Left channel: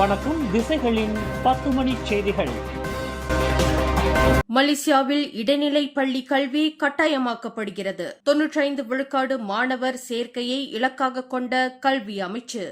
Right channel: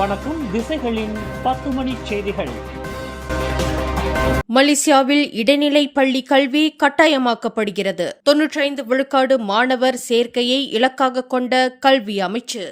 வணக்கம். திசைகளின் 10 மணி செய்திகள். மலேசியாவில் இடைநிலை பள்ளி கல்வி கட்டாயமாக்கப்படுகிறது. 95 விழுக்காடு மாணவர் சேர்க்கையை இலக்காக கொண்ட கல்வி அமைச்சு.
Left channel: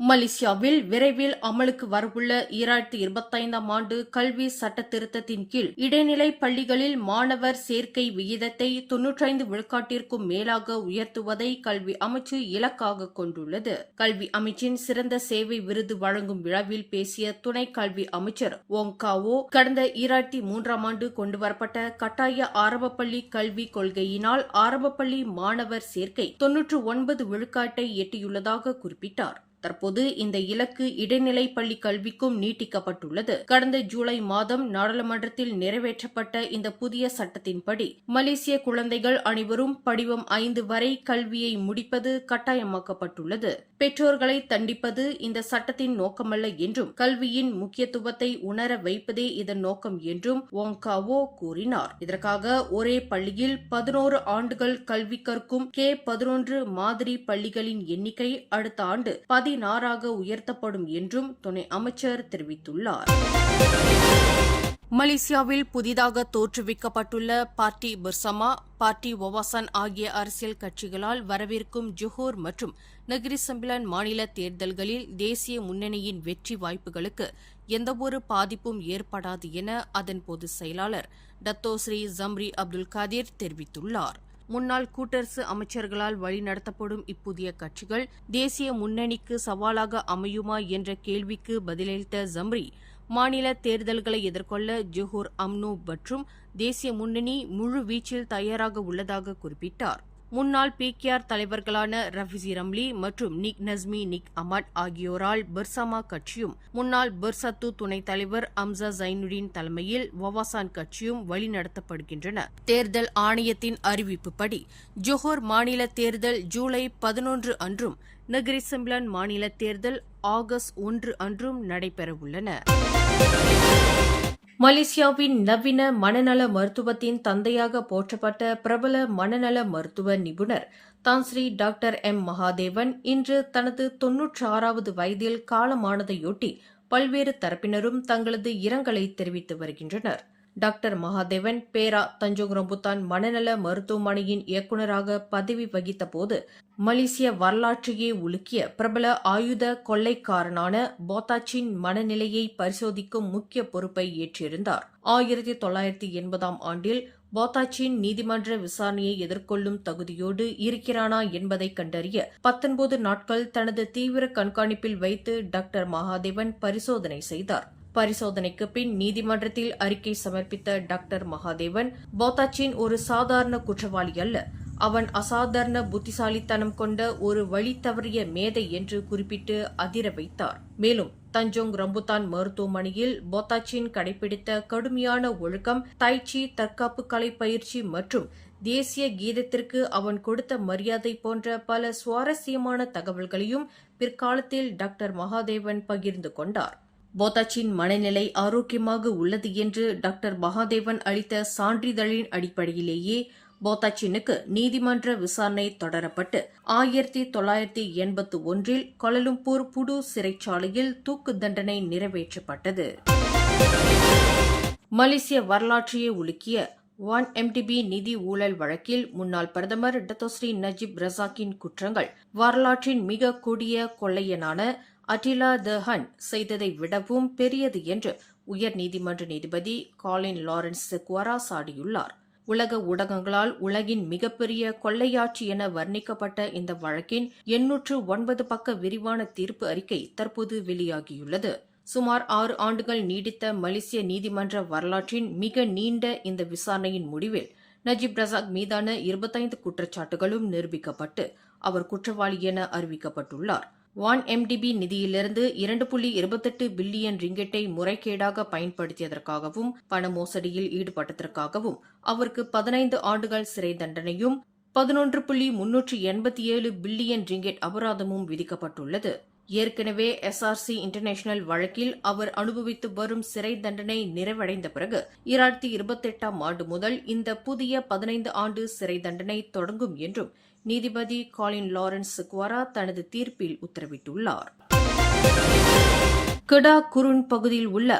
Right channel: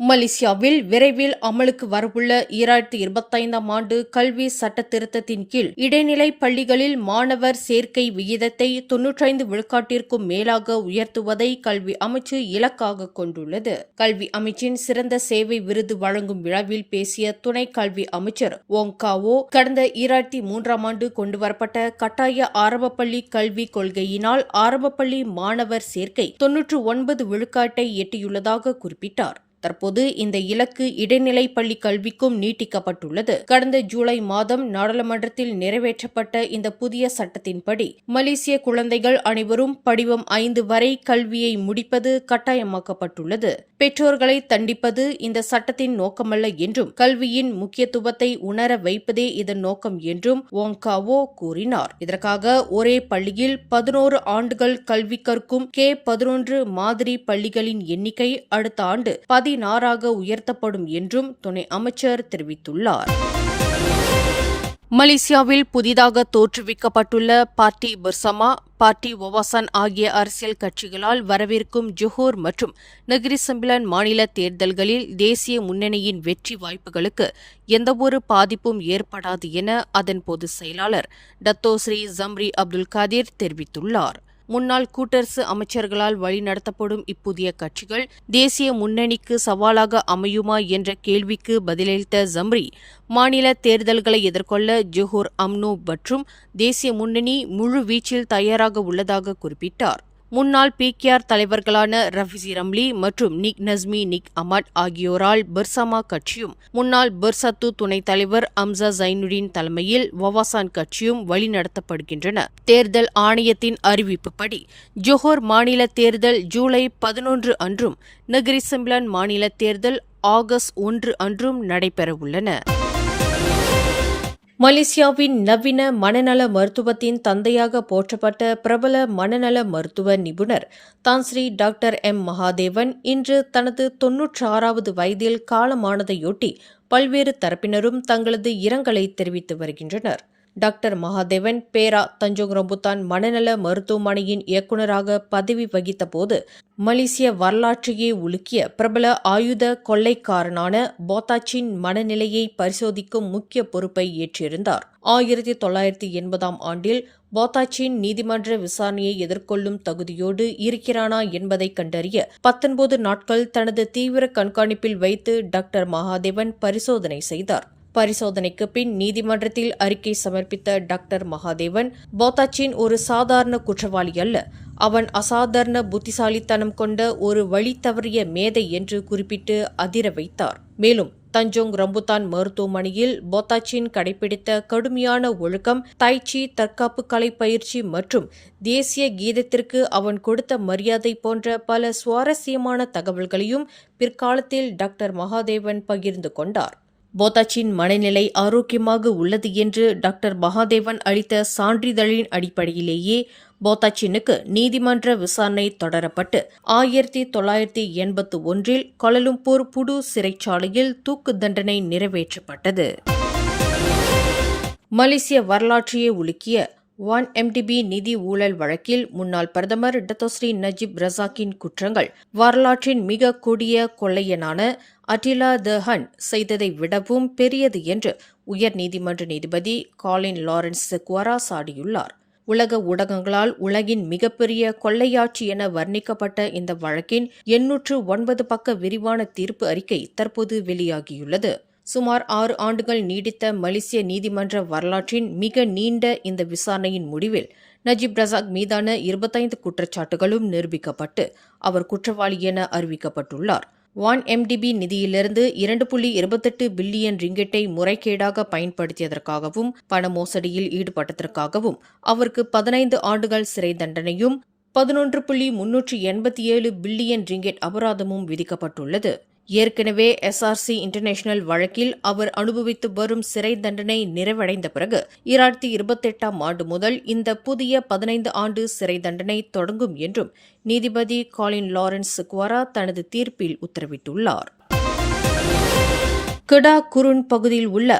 மலேசியாவில் விரைவில் அமலுக்கு வரவுள்ள 2025ஆம் ஆண்டு கல்வி சட்ட திருத்தத்தின் கீழ் இடைநிலை பள்ளிகளில் மாணவர் சேர்க்கை விகிதத்தை 95 விழுக்காட்டிற்கும் மேலாக உயர்த்துவதை கல்வி அமைச்சு இலக்காக கொண்டுள்ளது. கல்வி அமைச்சின் சிறந்த சேவை விருது வழங்கும் விழாவில் பேசிய துணை கல்வி அமைச்சர் ஓங் காவோ, கடந்த 2003ஆம் ஆண்டு கொண்டுவரப்பட்ட கட்டாய ஆரம்பப்பள்ளி கல்வி கொள்கையினால் ஆரம்பப்பள்ளி மாணவர் சேர்க்கை 99 விழுக்காட்டை எட்டியுள்ளதாக குறிப்பிட்டார். தற்போது இந்த இலக்கு இடைநிலை பள்ளி கல்விக்கும் நீட்டிக்கப்பட்டுள்ளது. கடந்த ஜூலை மாதம் நாடாளுமன்றத்தில் நிறைவேற்றப்பட்ட இந்த புதிய சட்டத்தின்படி மலேசிய குழந்தைகள் அனைவரும் படிவம் 5 வரை கல்வியை முடிப்பது கட்டாயமாக்கப்பட்டுள்ளது. பெற்றோர்களை தண்டிப்பது இந்த சட்டத்தின் நோக்கமல்ல என்றும் கல்வியின் முக்கியத்துவத்தை உணர வைப்பதே இதன் நோக்கம் என்றும் ஓங்காவோ கூறினார். இதற்காக ஒரே பள்ளியில் 11 ஆண்டுகள் கல்வி கற்கும் K11 மாதிரி பள்ளிகளின் எண்ணிக்கை அடுத்த ஆண்டு 16ஆக உயர்த்தப்படும் என்றும் துணை அமைச்சர் தெரிவித்துள்ளார். மலேசியாவில் புதிதாக தோற்றுவிக்கப்பட்டுள்ள பார்ட்டி பர்சமா, பார்ட்டி ஒவாசான் ஆகிய அரசியல் கட்சிகளால் வரவிருக்கும் ஜொஹோர் மற்றும் நெகிரி செம்பிலான் மாநில தேர்தல்களில் தேசிய முன்னணியின் வெற்றி வாய்ப்புகளுக்கு எந்தவொரு பாதிப்பும் ஏற்படாது என அதன் பொதுச் செயலாளர் டத்தோ ஸ்ரீ ஜம்ரி அப்துல் காதிர் தெரிவித்துள்ளார். முன்னாள் கூட்டரசு அமைச்சர்களால் வழிநடத்தப்படும் இப்புதிய கட்சிகள் தேசிய முன்னணிக்கு சவாலாக அமையுமா என்ற கேள்விக்கு பதிலளித்த ஜம்ரி, மாநில தேர்தல்களை எதிர்கொள்ள ஜொஹோர் அம்னோ மற்றும் தேசிய முன்னணி முழு வீச்சில் தயாராக உள்ளதாக குறிப்பிட்டார். முன்னாள் பிகேஆர் தலைவர்களான ரஃபிசி ரம்லி மற்றும் நிக் நஸ்மி நிக் அமட் ஆகியோரால் பர்சமா கட்சியும் முன்னாள் பர்சத்து துணைத் தலைவர் அம்சா ஜைனுடின் தலைமையில் வவாசான் கட்சியும் வழிநடத்தப்படுகின்றன. தேர்தல் ஆணையத்தின் அறிவிப்புப்படி ஜொஹோர் மாநில தேர்தல் ஜூலை 11 அன்றும் நெகிரி செம்பிலான் மாநில தேர்தல் ஆகஸ்ட் 1 அன்றும் நடைபெறவுள்ளன. மலேசியாவின் நவீன மனநல மருத்துவத்தின் தந்தையாக போற்றப்பட்ட பிரபல மனநல மருத்துவ நிபுணர் தான்ஸ்ரீ டாக்டர் எம் மகாதேவன் இன்று தனது 96வது வயதில் காலமானதையொட்டி பல்வேறு தரப்பினரும் தங்களது இரங்கலை தெரிவித்து வருகின்றனர். டாக்டர் மகாதேவன் பேரா தஞ்சோங் ரம்புத்தான் மனநல மருத்துவமனையின் இயக்குநராக பதவி வகித்த போது மலேசிய வரலாற்றையே உலுக்கிய பிரபல ஆயுத கொள்ளைக்காரனான போத்தாச்சின் மனநிலையை பரிசோதிக்கும் முக்கிய பொறுப்பை ஏற்றிருந்தார். 1980ஆம் ஆண்டில் போத்தாச்சின் நீதிமன்ற விசாரணையை எதிர்கொள்ளும் தகுதியோடு இருக்கிறானா என்பதை கண்டறிய 19 நாட்கள் தனது தீவிர கண்காணிப்பில் வைத்து டாக்டர் மகாதேவன் பரிசோதனை செய்தார். பரிசோதனைக்கு பின் நீதிமன்றத்தில் அறிக்கை சமர்ப்பித்த டாக்டர் மகாதேவன், போத்தாச்சின் ஒரு சாதாரண குற்றவாளி அல்ல, அவன் அசாதாரண புத்திசாலித்தனம் கொண்ட ஒரு வழி தவறிய மேதை என்று குறிப்பிட்டு அதிர வைத்தார். மேலும் தஞ்சோங் ரம்புத்தான் மருத்துவமனையில் போத்தாச்சின் கடைபிடித்த கடுமையான ஒழுக்கம், தைச்சி, தற்காப்பு கலை பயிற்சி மற்றும் தேசிய கீதத்திற்கு அவன் கொடுத்த மரியாதை போன்ற பல சுவாரஸ்யமான தகவல்களையும் பிற்காலத்தில் டாக்டர் மகாதேவன் பகிர்ந்து கொண்டார். போத்தாச்சின் மனநிலை ஆரோக்கியமாக உள்ளது என்று டாக்டர் மகாதேவன் அளித்த சான்றிதழின் அடிப்படையிலேயே போத்தாச்சினுக்கு நீதிமன்ற விசாரணை தொடரப்பட்டு 1981இல் கோலாலம்பூர் புடு சிறைச்சாலையில் தூக்கு தண்டனை நிறைவேற்றப்பட்டது. மலேசிய வரலாற்றையே உலுக்கிய 1MDB நிதி ஊழல் வழக்கில் முன்னாள் பிரதமர் டத்தோஸ்ரீ நஜீப் ரசாக்கின் குற்றங்கள் வரலாற்றின் மிக கொடிய கொள்ளையனான அட்டிலா த ஹன் செய்ததை விடவும் பெரியது என்று உயர் நீதிமன்ற நீதிபதி காலின் லாரன்ஸ் செக்வாரா சாடியுள்ளார். உலக ஊடகங்களால் உலகின் மிகப்பெரிய கொள்ளையாட்சி என வர்ணிக்கப்பட்ட இந்த வழக்கின் 809 பக்க விரிவான தீர்ப்பு அறிக்கை தற்போது வெளியாகியுள்ளது. சுமார் 6 ஆண்டுகள் நீடித்த மலேசிய நீதிமன்ற வரலாற்றின் மிக நீண்ட இந்த விசாரணையின் முடிவில் நஜீப் ரசாக் மீதான 25 குற்றச்சாட்டுகளும் நிரூபிக்கப்பட்டு அவர் குற்றவாளி என அறிவிக்கப்பட்டுள்ளார். 1MDB நிதியிலிருந்து 2.28 பில்லியன் ரிங்கெட்டை முறைகேடாக பயன்படுத்தியதற்காகவும் பண மோசடியில் ஈடுபட்டதற்காகவும் அவருக்கு 15 ஆண்டுகள் சிறை தண்டனையும் 11.387 பில்லியன் ரிங்கெட் அபராதமும் விதிக்கப்பட்டுள்ளது. ஏற்கனவே SRC இன்டர்நேஷனல் வழக்கில் அவர் அனுபவித்து வரும் சிறை தண்டனை நிறைவடைந்த பிறகு 2028ஆம் ஆண்டு முதல் இந்த புதிய 15 ஆண்டு சிறை தண்டனை தொடங்கும் என்றும் நீதிபதி காலின் லாரன்ஸ் செக்வாரா தனது தீர்ப்பில் உத்தரவிட்டுள்ளார். கெடா குருன் பகுதியில் உள்ள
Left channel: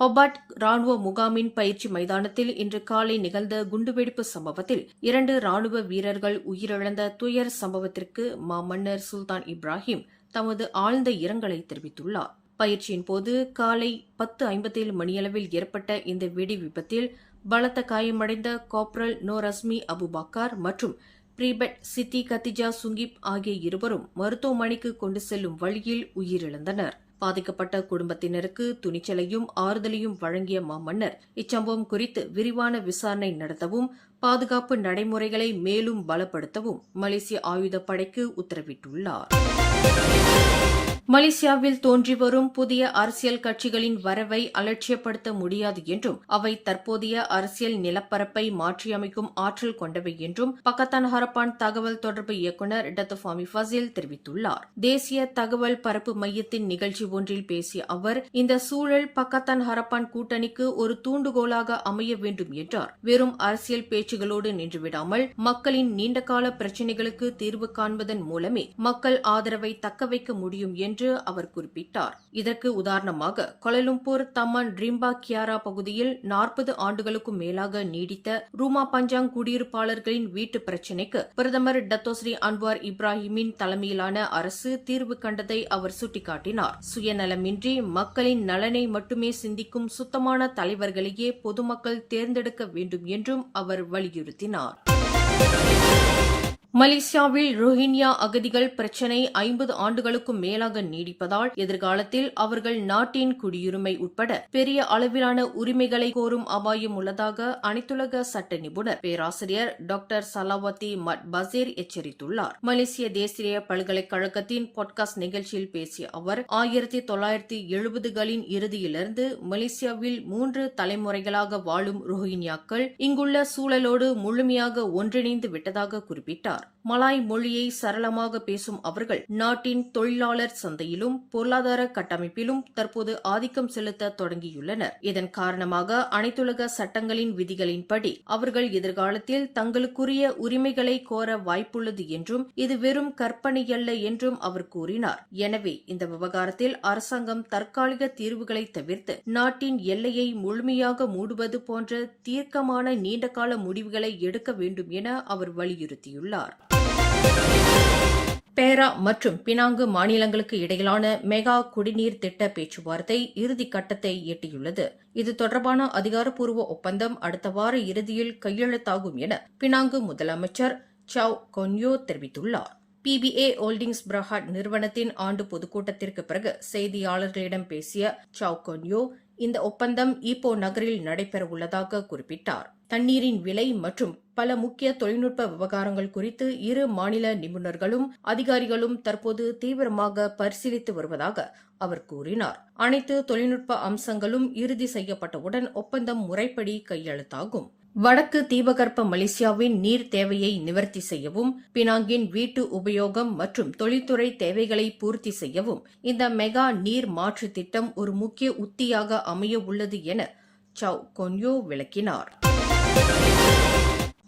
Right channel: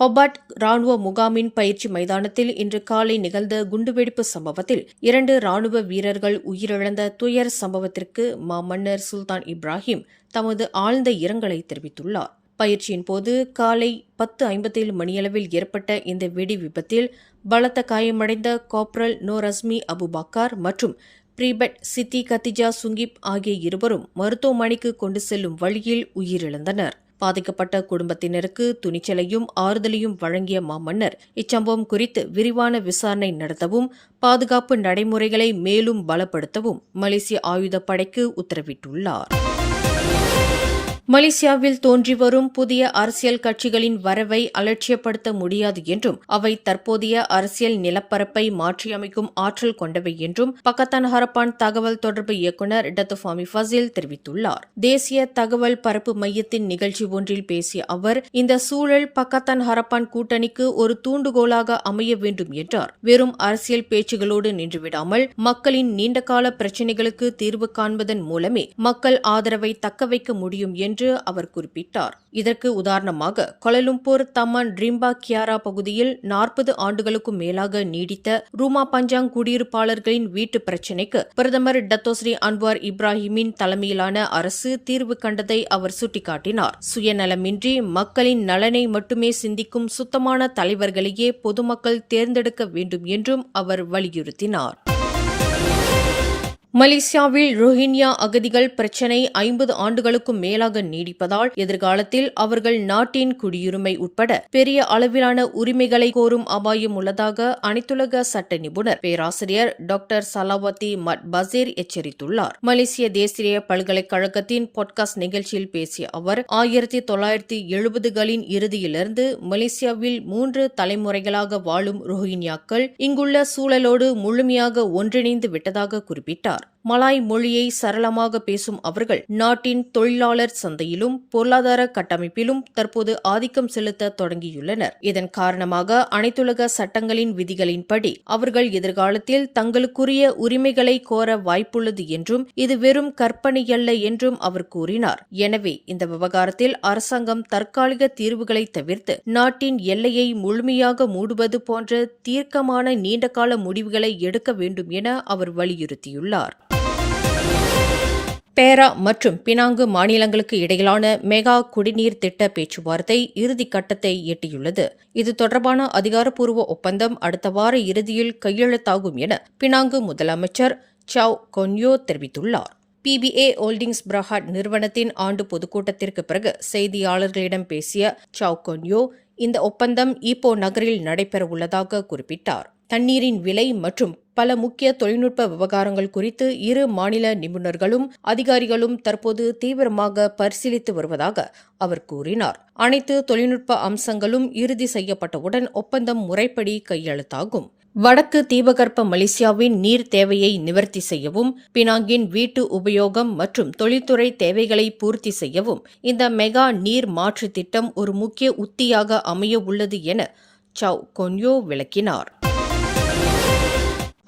ஹொபார்ட் ராணுவ முகாமின் பயிற்சி மைதானத்தில் இன்று காலை நிகழ்ந்த குண்டுவெடிப்பு சம்பவத்தில் 2 ராணுவ வீரர்கள் உயிரிழந்த துயர சம்பவத்திற்கு மாமன்னர் சுல்தான் இப்ராஹிம் தமது ஆழ்ந்த இரங்கலை தெரிவித்துள்ளார். பயிற்சியின் போது காலை 10:57 மணியளவில் ஏற்பட்ட இந்த வெடி விபத்தில் பலத்த காயமடைந்த காப்ரல் நோரஸ்மி அபுபக்கர் மற்றும் பிரிபெட் சித்தி கத்திஜா சுங்கிப் ஆகிய இருவரும் மருத்துவமனைக்கு கொண்டு செல்லும் வழியில் உயிரிழந்தனர். பாதிக்கப்பட்ட குடும்பத்தினருக்கு துணிச்சலையும் ஆறுதலையும் வழங்கிய மாமன்னர் இச்சம்பவம் குறித்து விரிவான விசாரணை நடத்தவும் பாதுகாப்பு நடைமுறைகளை மேலும் பலப்படுத்தவும் மலேசிய ஆயுதப்படைக்கு உத்தரவிட்டுள்ளார். மலேசியாவில் தோன்றி வரும் புதிய அரசியல் கட்சிகளின் வரவை அலட்சியப்படுத்த முடியாது என்றும் அவை தற்போதைய அரசியல் நிலப்பரப்பை மாற்றியமைக்கும் ஆற்றல் கொண்டவை என்றும் பக்கத்தான் ஹரப்பான் தகவல் தொடர்பு இயக்குநர் டத்து ஃபாமி ஃபசில் தெரிவித்துள்ளார். தேசிய தகவல் பரப்பு மையத்தின் நிகழ்ச்சி ஒன்றில் பேசிய அவர், இந்த சூழல் பக்கத்தான் ஹரப்பான் கூட்டணிக்கு ஒரு தூண்டுகோலாக அமைய வேண்டும் என்றார். வெறும் அரசியல் பேச்சுகளோடு நின்றுவிடாமல் மக்களின் நீண்டகால பிரச்சினைகளுக்கு தீர்வு காண்பதன் மூலமே மக்கள் ஆதரவை தக்கவைக்க முடியும் என்று அவர் குறிப்பிட்டார். இதற்கு உதாரணமாக கோலாலம்பூர் தமான் ரிம்பா கியாரா பகுதியில் 40 ஆண்டுகளுக்கும் மேலாக நீடித்த ரூமா பஞ்சாங் குடியிருப்பாளர்களின் வீட்டு பிரச்சினைக்கு பிரதமர் டத்தோஸ்ரீ அன்வார் இப்ராஹிமின் தலைமையிலான அரசு தீர்வு கண்டதை அவர் சுட்டிக்காட்டினார். சுயநலமின்றி மக்களின் நலனை மட்டுமே சிந்திக்கும் சுத்தமான தலைவர்களையே பொதுமக்கள் தேர்ந்தெடுக்க வேண்டும் என்றும் அவர் வலியுறுத்தினார். மலேசியாவில் ரோஹிங்யா அகதிகள் பிரச்சினை 50 ஆண்டுகளுக்கும் மேலாக நீடிப்பதால் எதிர்காலத்தில் அவர்கள் நாட்டின் குடியுரிமை உட்பட பெரிய அளவிலான உரிமைகளை கோரும் அபாயம் உள்ளதாக அனைத்துலக சட்ட நிபுணர் பேராசிரியர் டாக்டர் சலாவத்தி மட் பசீர் எச்சரித்துள்ளார். மலேசிய தேசிய பல்கலைக்கழகத்தின் பாட்காஸ்ட் நிகழ்ச்சியில் பேசிய அவர் 1970களின் இறுதியிலிருந்து மலேசியாவில் 3 தலைமுறைகளாக வாழும் ரோஹிங்யாக்கள் இங்குள்ள சூழலோடு முழுமையாக ஒன்றிணைந்து விட்டதாக குறிப்பிட்டார். மலாய் மொழியை சரளமாக பேசும் அவர்கள் நாட்டின் தொழிலாளர் சந்தையிலும் பொருளாதார கட்டமைப்பிலும் தற்போது ஆதிக்கம் செலுத்த தொடங்கியுள்ளனர். இதன் காரணமாக அனைத்துலக சட்டங்களின் விதிகளின்படி அவர்கள் எதிர்காலத்தில் தங்களுக்குரிய உரிமைகளை கோர வாய்ப்புள்ளது என்றும் இது வெறும் கற்பனையல்ல என்றும் அவர் கூறினார். எனவே இந்த விவகாரத்தில் அரசாங்கம் தற்காலிக தீர்வுகளை தவிர்த்து நாட்டின் எல்லையை முழுமையாக மூடுவது போன்ற தீர்க்கமான நீண்டகால முடிவுகளை எடுக்க வேண்டும் என அவர் வலியுறுத்தியுள்ளார். பேரா மற்றும் பினாங்கு மாநிலங்களுக்கு இடையிலான மெகா குடிநீர் திட்ட பேச்சுவார்த்தை இறுதிக் கட்டத்தை எட்டியுள்ளது. இது தொடர்பான அதிகாரப்பூர்வ ஒப்பந்தம் அடுத்த வார இறுதியில் கையெழுத்தாகும் என பினாங்கு முதலமைச்சர் சாவ் கொன்யோ தெரிவித்துள்ளார். PBA ஹோல்டிங்ஸ் பிரஹாட் நிறுவனத்தின் ஆண்டு பொதுக்கூட்டத்திற்கு பிறகு செய்தியாளர்களிடம் பேசிய சாவ் கொன்யோ இந்த ஒப்பந்தம் ஈப்போ நகரில் நடைபெறவுள்ளதாக குறிப்பிட்டார். தண்ணீரின் விலை மற்றும் பல முக்கிய தொழில்நுட்ப விவகாரங்கள் குறித்து இரு மாநில நிபுணர்களும் அதிகாரிகளும் தற்போது தீவிரமாக பரிசீலித்து வருவதாக அவர் கூறினார். அனைத்து தொழில்நுட்ப அம்சங்களும் இறுதி செய்யப்பட்டவுடன் ஒப்பந்தம் முறைப்படி கையெழுத்தாகும். வடக்கு தீபகற்ப மலேசியாவின் நீர் தேவையை நிவர்த்தி செய்யவும் பினாங்கின் வீட்டு உபயோகம் மற்றும் தொழில்துறை தேவைகளை பூர்த்தி செய்யவும் இந்த மெகா நீர் மாற்று திட்டம் ஒரு முக்கிய உத்தியாக அமைய உள்ளது என சாவ் கொன்யோ விளக்கினார்.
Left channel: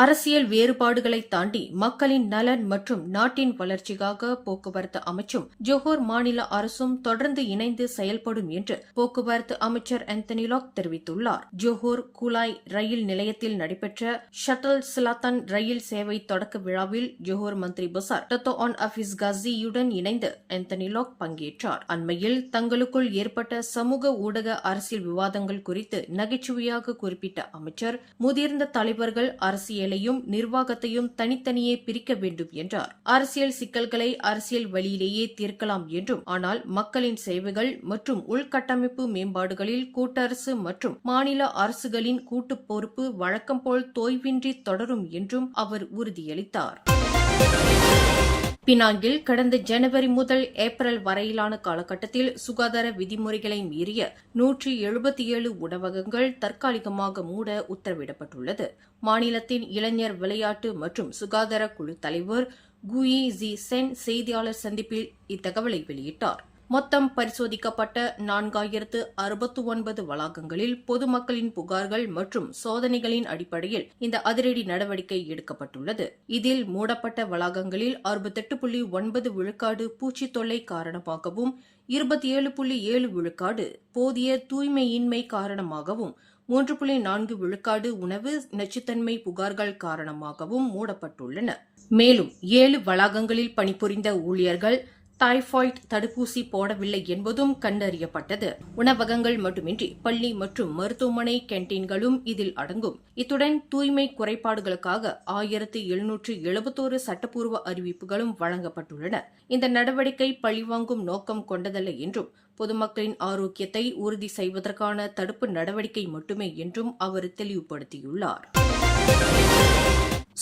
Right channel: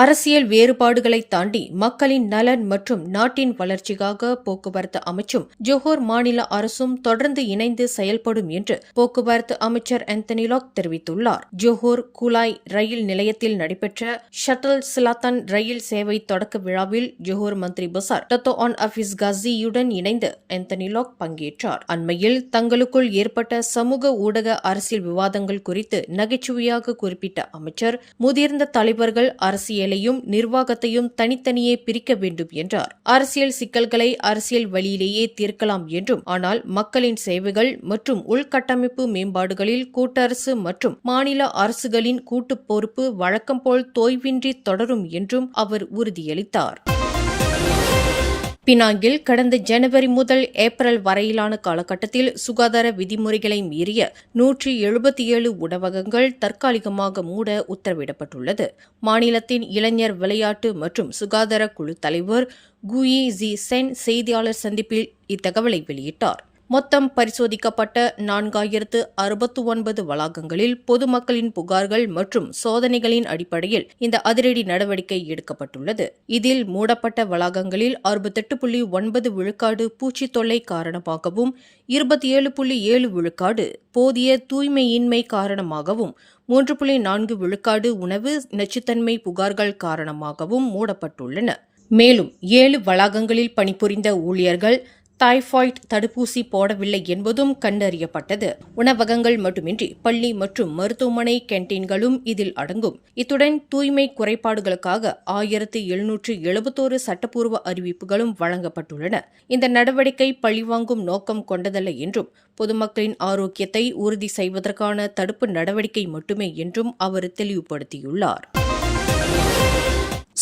அரசியல் வேறுபாடுகளை தாண்டி மக்களின் நலன் மற்றும் நாட்டின் வளர்ச்சிக்காக போக்குவரத்து அமைச்சும் ஜோஹர் மாநில அரசும் தொடர்ந்து இணைந்து செயல்படும் என்று போக்குவரத்து அமைச்சர் ஆந்தனி லாக் தெரிவித்துள்ளார். ஜோஹர் குலாய் ரயில் நிலையத்தில் நடைபெற்ற ஷட்டல் சிலாத்தான் ரயில் சேவை தொடக்க விழாவில் ஜோஹர் மந்திரி பசார் டத்தோ ஆன் அஃபீஸ் காசியுடன் இணைந்து ஆந்தனி லாக் பங்கேற்றார். அண்மையில் தங்களுக்குள் ஏற்பட்ட சமூக ஊடக அரசியல் விவாதங்கள் குறித்து நகைச்சுவையாக குறிப்பிட்ட அமைச்சர் முதிர்ந்த தலைவர்கள் அரசியலையும் நிர்வாகத்தையும் தனித்தனியே பிரிக்க வேண்டும் என்றார். அரசியல் சிக்கல்களை அரசியல் வழியிலேயே தீர்க்கலாம் என்றும், ஆனால் மக்களின் சேவைகள் மற்றும் உள்கட்டமைப்பு மேம்பாடுகளில் கூட்டரசு மற்றும் மாநில அரசுகளின் கூட்டு பொறுப்பு வழக்கம் போல் தோய்வின்றி தொடரும் என்றும் அவர் உறுதியளித்தார். பினாங்கில் கடந்த ஜனவரி முதல் ஏப்ரல் வரையிலான காலகட்டத்தில் சுகாதார விதிமுறைகளை மீறிய 177 உணவகங்கள் தற்காலிகமாக மூட உத்தரவிடப்பட்டுள்ளது. மாநிலத்தின் இளைஞர் விளையாட்டு மற்றும் சுகாதார குழு தலைவர் குயி ஜி சென் செய்தியாளர் சந்திப்பில் இத்தகவலை வெளியிட்டார். மொத்தம் பரிசோதிக்கப்பட்ட 4069 வளாகங்களில் பொதுமக்களின் புகார்கள் மற்றும் சோதனைகளின் அடிப்படையில் இந்த அதிரடி நடவடிக்கை எடுக்கப்பட்டுள்ளது. இதில் மூடப்பட்ட வளாகங்களில் 68.9 விழுக்காடு பூச்சி தொல்லை காரணமாகவும் 27.7 விழுக்காடு போதிய தூய்மையின்மை காரணமாகவும் 3.4 விழுக்காடு உணவு நச்சுத்தன்மை புகார்கள் காரணமாகவும் மூடப்பட்டுள்ளன. மேலும் 7 வளாகங்களில் பணிபுரிந்த ஊழியர்கள் டைபாய்டு தடுப்பூசி போடவில்லை என்பதும் கண்டறியப்பட்டது. உணவகங்கள் மட்டுமின்றி பள்ளி மற்றும் மருத்துவமனை கேண்டீன்களும் இதில் அடங்கும். இத்துடன் தூய்மை குறைபாடுகளுக்காக 1771 சட்டப்பூர்வ அறிவிப்புகளும் வழங்கப்பட்டுள்ளன. இந்த நடவடிக்கை பழிவாங்கும் நோக்கம் கொண்டதல்ல என்றும் பொதுமக்களின் ஆரோக்கியத்தை உறுதி செய்வதற்கான தடுப்பு நடவடிக்கை மட்டுமே என்றும் அவர் தெளிவுபடுத்தியுள்ளார்.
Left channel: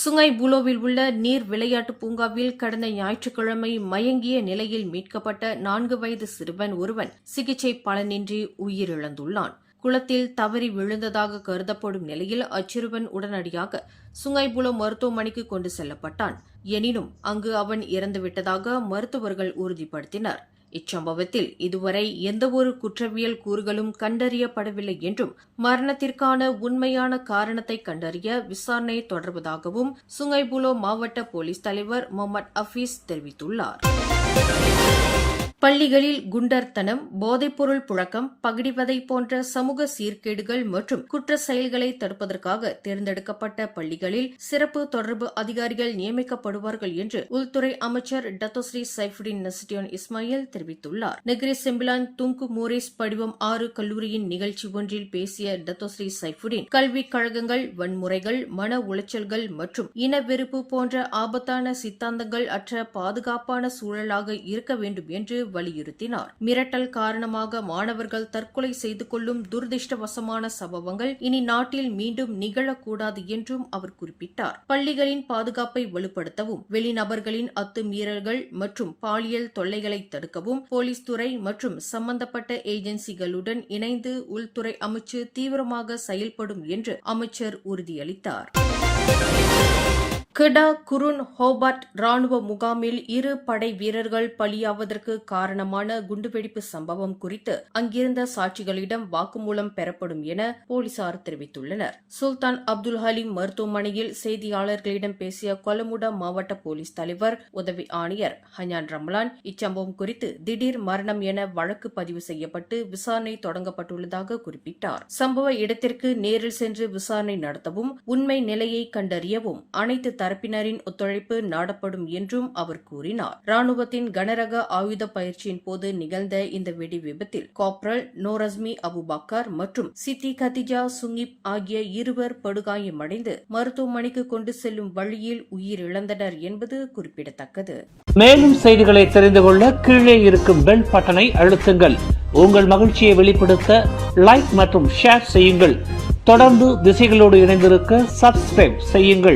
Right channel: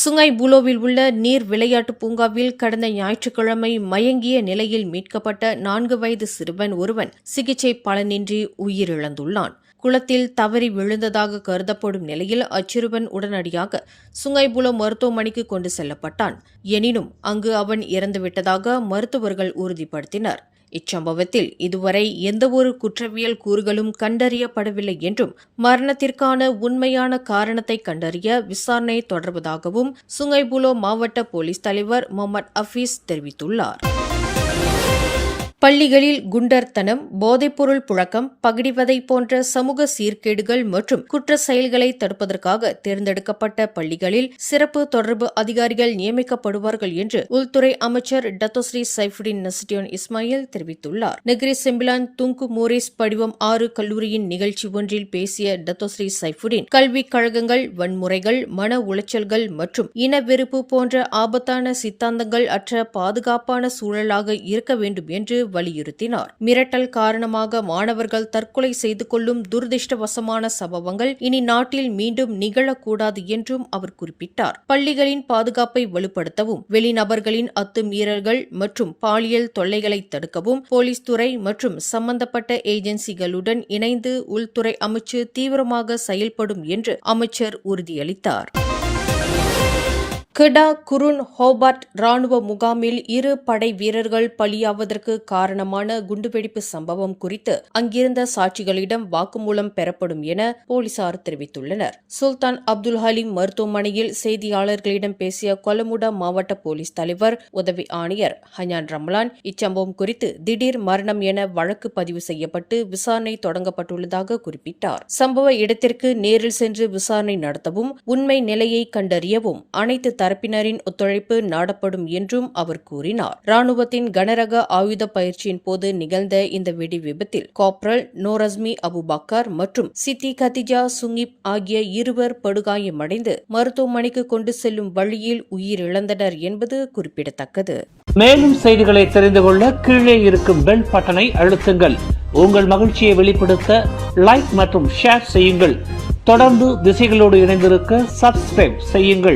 சுங்கை புலோவில் உள்ள நீர் விளையாட்டு பூங்காவில் கடந்த ஞாயிற்றுக்கிழமை மயங்கிய நிலையில் மீட்கப்பட்ட 4 வயது சிறுவன் ஒருவன் சிகிச்சை பலனின்றி உயிரிழந்துள்ளான். குளத்தில் தவறி விழுந்ததாக கருதப்படும் நிலையில் அச்சிறுவன் உடனடியாக சுங்கைபுலோ மருத்துவமனைக்கு கொண்டு செல்லப்பட்டான். எனினும் அங்கு அவன் இறந்துவிட்டதாக மருத்துவர்கள் உறுதிப்படுத்தினர். இச்சம்பவத்தில் இதுவரை எந்தவொரு குற்றவியல் கூறுகளும் கண்டறியப்படவில்லை என்றும் மரணத்திற்கான உண்மையான காரணத்தை கண்டறிய விசாரணை தொடர்வதாகவும் சுங்கைபுலோ மாவட்ட போலீஸ் தலைவர் முகமது ஹபீஸ் தெரிவித்துள்ளார். பள்ளிகளில் குண்டர்தனம், போதைப்பொருள் புழக்கம், பகிடிவதை போன்ற சமூக சீர்கேடுகள் மற்றும் குற்ற செயல்களை தடுப்பதற்காக தேர்ந்தெடுக்கப்பட்ட பள்ளிகளில் சிறப்பு தொடர்பு அதிகாரிகள் நியமிக்கப்படுவார்கள் என்று உள்துறை அமைச்சர் டத்தோஸ்ரீ சைஃபுடின் நசிடியோன் இஸ்மாயில் தெரிவித்துள்ளார். நெகிரி செம்பிலான் துங்கு மோரிஸ் படிவம் 6 கல்லூரியின் நிகழ்ச்சி ஒன்றில் பேசிய டத்தோஸ்ரீ சைஃபுடின் கல்விக் கழகங்கள் வன்முறைகள், மன உளைச்சல்கள் மற்றும் இன வெறுப்பு போன்ற ஆபத்தான சித்தாந்தங்கள் அற்ற பாதுகாப்பான சூழலாக இருக்க வேண்டும் என்று வலியுறுத்தினார். மிரட்டல் காரணமாக மாணவர்கள் தற்கொலை செய்து கொள்ளும் துரதிருஷ்டவசமான சம்பவங்கள் இனி நாட்டில் மீண்டும் நிகழக்கூடாது என்றும் அவர் குறிப்பிட்டார். பள்ளிகளின் பாதுகாப்பை வலுப்படுத்தவும், வெளிநபர்களின் அத்துமீறல்கள் மற்றும் பாலியல் தொல்லைகளை தடுக்கவும் போலீஸ் துறை மற்றும் சம்பந்தப்பட்ட ஏஜென்சிகளுடன் இணைந்து உள்துறை அமைச்சு தீவிரமாக செயல்படும் என்று அமைச்சர் உறுதியளித்தார். கெடா குருன் ஹோபார்ட் ராணுவ முகாமில் 2 படை வீரர்கள் பலியாவதற்கு காரணமான குண்டுவெடிப்பு சம்பவம் குறித்து அங்கிருந்த சாட்சிகளிடம் வாக்குமூலம் பெறப்படும் என போலீசார் தெரிவித்துள்ளனர். சுல்தான் அப்துல் ஹலீம் மருத்துவமனையில் செய்தியாளர்களிடம் பேசிய கொலமுடா மாவட்ட போலீஸ் தலைவர் உதவி ஆணையர் ஹயான் ரம்லான் இச்சம்பவம் குறித்து திடீர் மரணம் என வழக்கு பதிவு செய்யப்பட்டு விசாரணை தொடங்கப்பட்டுள்ளதாக குறிப்பிட்டார். சம்பவ இடத்திற்கு நேரில் சென்று விசாரணை நடத்தவும் உண்மை நிலையை கண்டறியவும் அனைத்து தரப்பினரின் ஒத்துழைப்பு நாடப்படும் என்றும் அவர் கூறினார். ராணுவத்தின் கனரக ஆயுத பயிற்சியின் போது நிகழ்ந்த இந்த வெடி விபத்தில் காப்ரல் நோரஸ்மி அபுபக்கர் மற்றும் சித்தி கதிஜா சுங்கிப் ஆகிய 2 படுகாயமடைந்து மருத்துவமனைக்கு கொண்டு செல்லும் வழியில் உயிரிழந்தனர் என்பது குறிப்பிடத்தக்கது. மேலும் செய்திகளை தெரிந்து கொள்ள கீழே இருக்கும் பெல் பட்டனை அழுத்துங்கள். உங்கள் மகிழ்ச்சியை வெளிப்படுத்த லைக் மற்றும் ஷேர் செய்யுங்கள். தொடர்ந்து திசைகளோடு இணைந்திருக்க சப்ஸ்கிரைப் செய்யுங்கள்.